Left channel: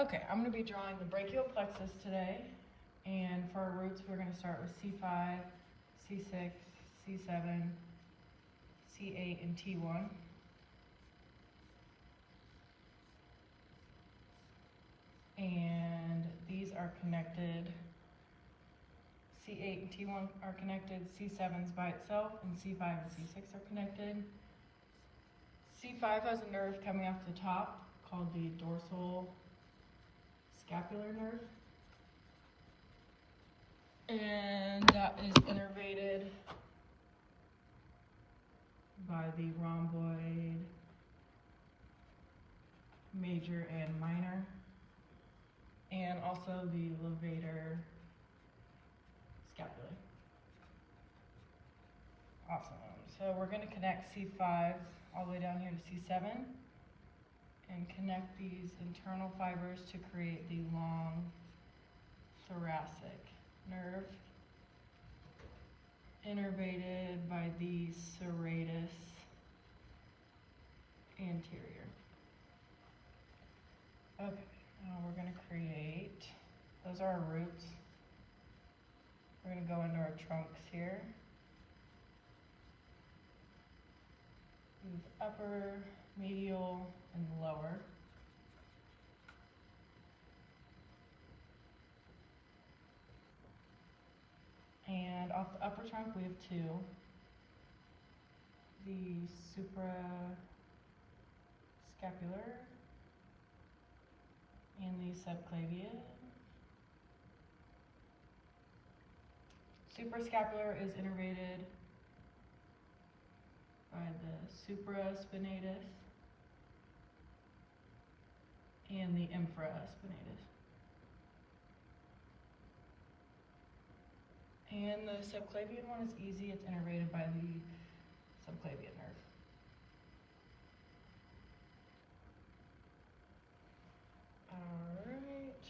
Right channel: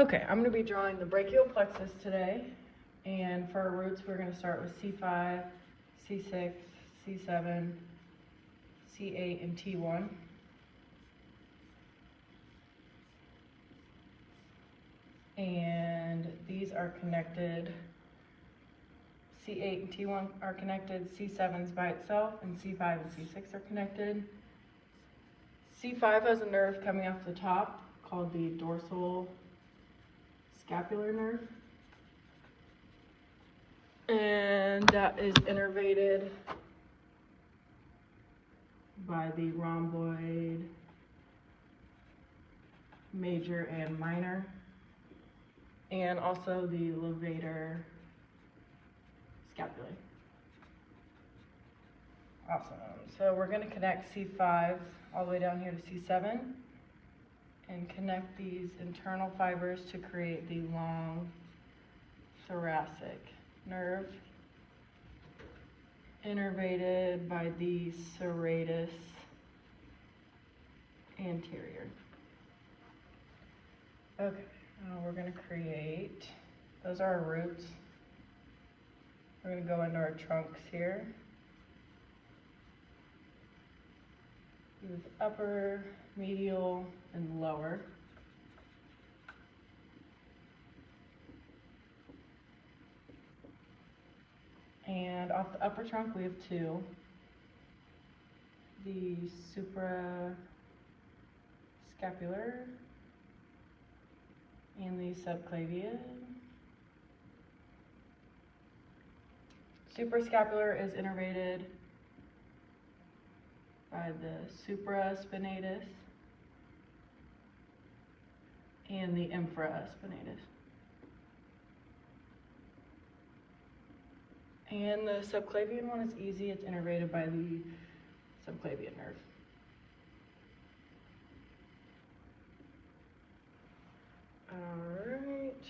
Okay, I'm going to be drawing the brachial plexus today, and for our roots we're going to start with C5, C6, C7, C8, and T1. And these are connected. C8 and T1 are connected, C7 is by itself, and C5 and C6 are connected. C5 has a nerve coming off the top called the dorsal scapular nerve, and that is innervated by the rhomboid major and minor, and also the levator scapulae. Awesome. So we're going to connect C5 all the way down here to C7 and connect these internal fibers to create the long thoracic nerve, innervated by the serratus anterior. Okay, now we're going to create, those are our roots. We're going to go into our trunks here. With upper, medial, and lower. And off the upper trunk we have two. The suprascapular and the subclavian. Suprascapular is innervated by the supraspinatus and the infraspinatus. And the subclavian one is easy, it's innervated by the subclavian nerve. Alright,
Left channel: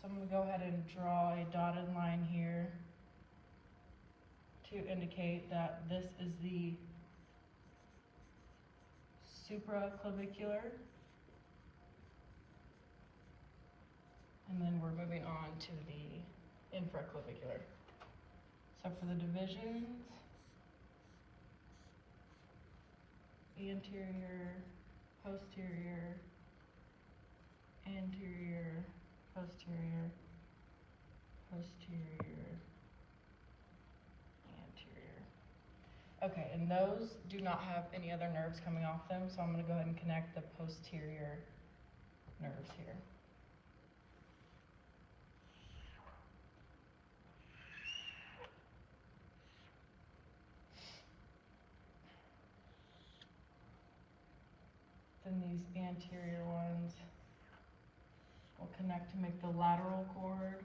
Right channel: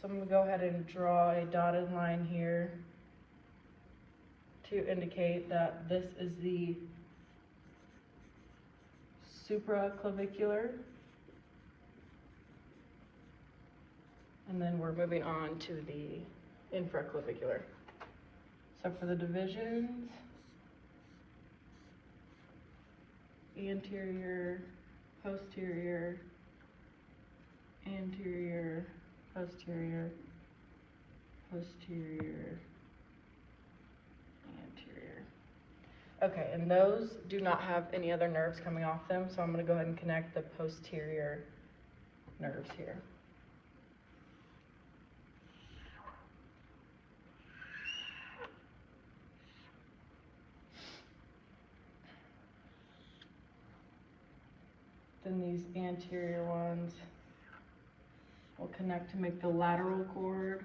so I'm going to go ahead and draw a dotted line here to indicate that this is the supraclavicular, and then we're moving on to the infraclavicular. So for the divisions, anterior, posterior, anterior, posterior, posterior, anterior. Okay, and those do not have any other nerves coming off them, so I'm going to go ahead and connect the posterior nerves here. Then these anterior ones will connect to make the lateral cord.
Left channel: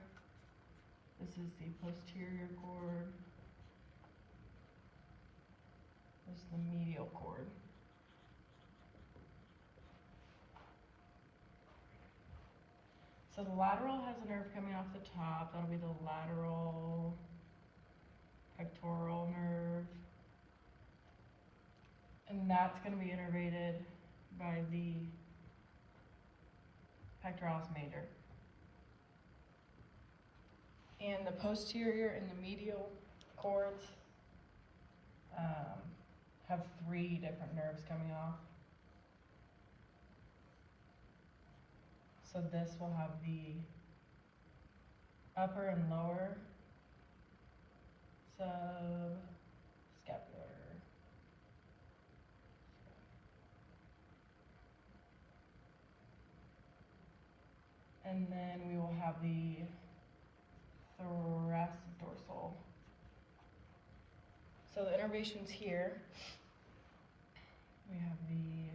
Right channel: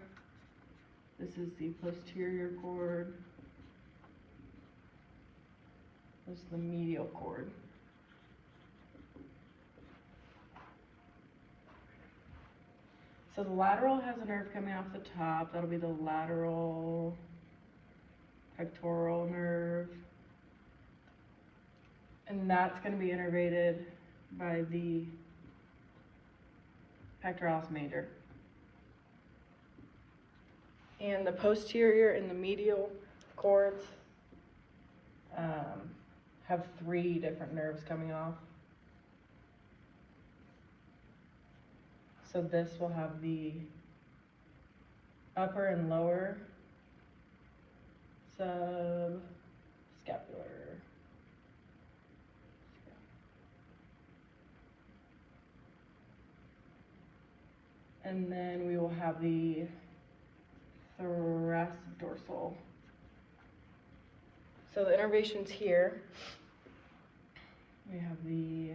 This is the posterior cord. This is the medial cord. So the lateral has a nerve coming off the top. That'll be the lateral pectoral nerve. And that's going to be innervated by the pectoralis major. And the posterior and the medial cords have three different nerves coming off. So this will have the upper and lower subscapular. And then we will have the thoracic dorsal. So the innervations here, we have the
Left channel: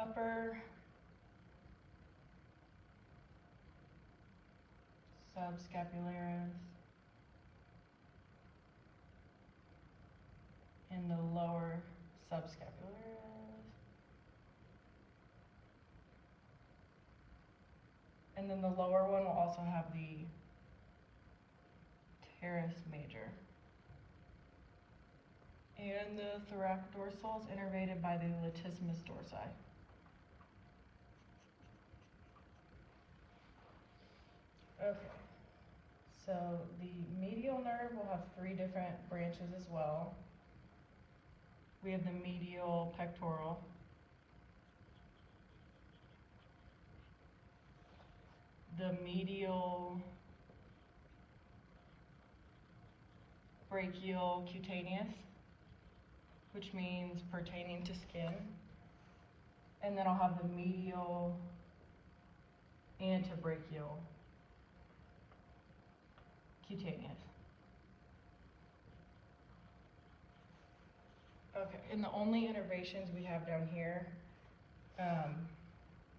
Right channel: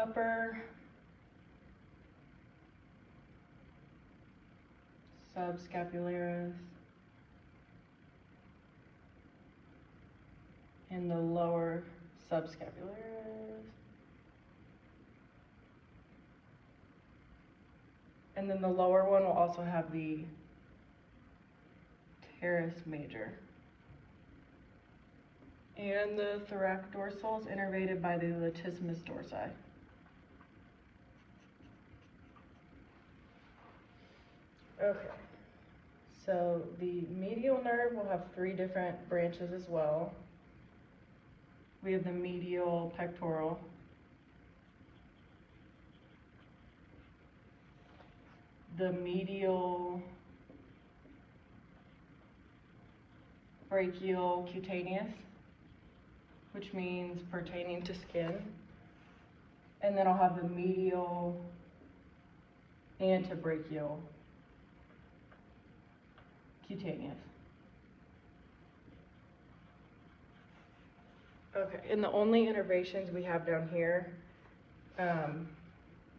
upper subscapularis and the lower subscapularis. And then the lower one will also have the teres major. And the thoracic dorsal is innervated by the latissimus dorsi. Okay. So the medial nerve will have 3 different branches as well. We have the medial pectoral, the medial brachial cutaneous, which means pertaining to skin. And then I'll have the medial antebrachial cutaneous. Okay, and the only innervations we have down here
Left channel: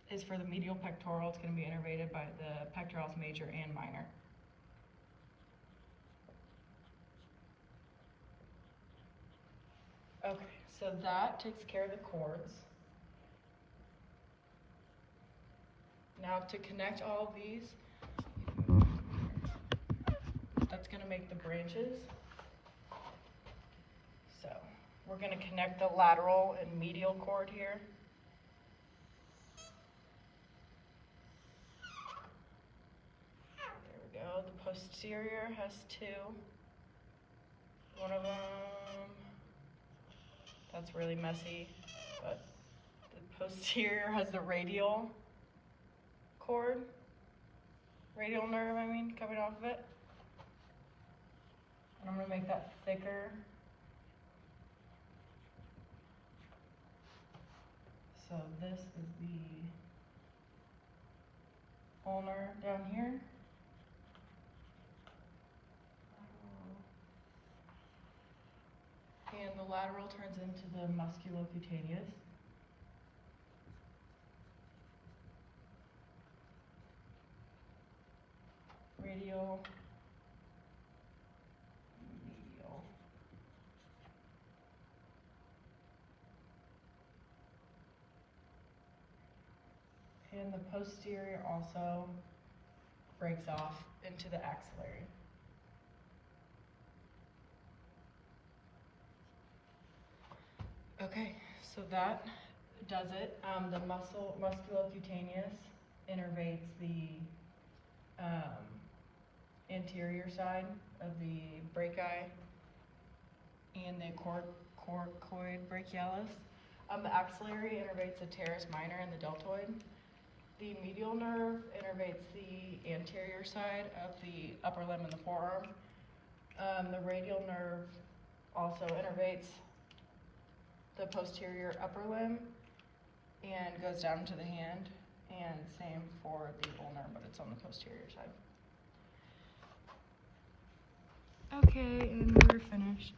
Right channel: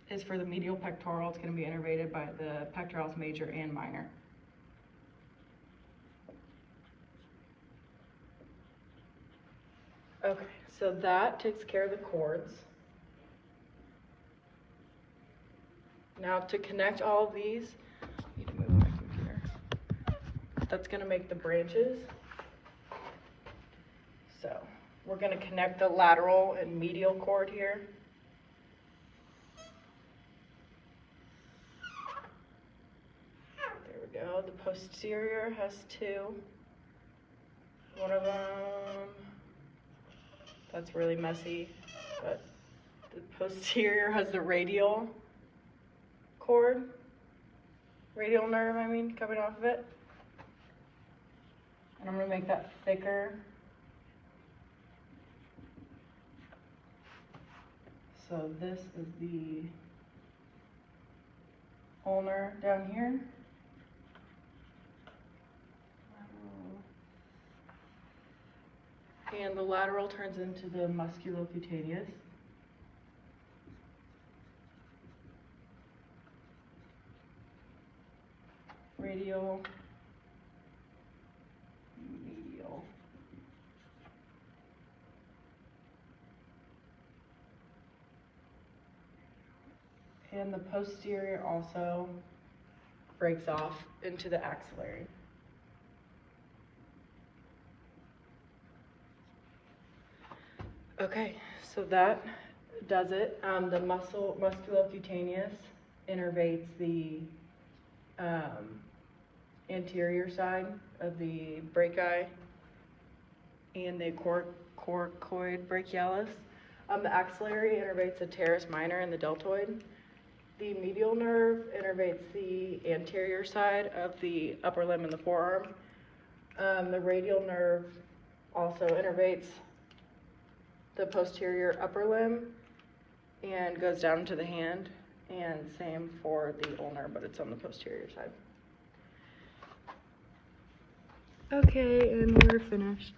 is for the medial pectoral. It's going to be innervated by the pectoralis major and minor. Okay, so that takes care of the cords. Now to connect all of these, I need to move my computer. That's going to make the branches. So we're going to connect the lateral and medial cord here. There we go. The posterior has 2. One of them, that's really messy, but the posterior has the radial cord, radial nerve, coming off of it. And I'm going to make that thicker. So this is the ulnar down here. And the lateral turns into the musculocutaneous. Radial, medial. And the posterior also breaks off into the axillary. Okay, so that does it. The musculocutaneous innervates the anterior side of the brachii and the coracoid brachialis. The axillary innervates the teres minor and the deltoid. The medial nerve innervates the anterior side of the upper limb and the forearm. The radial nerve also innervates the posterior upper limb and goes down to the hand, and same for the ulnar, but it's on the posterior side. Okay, and we're finished.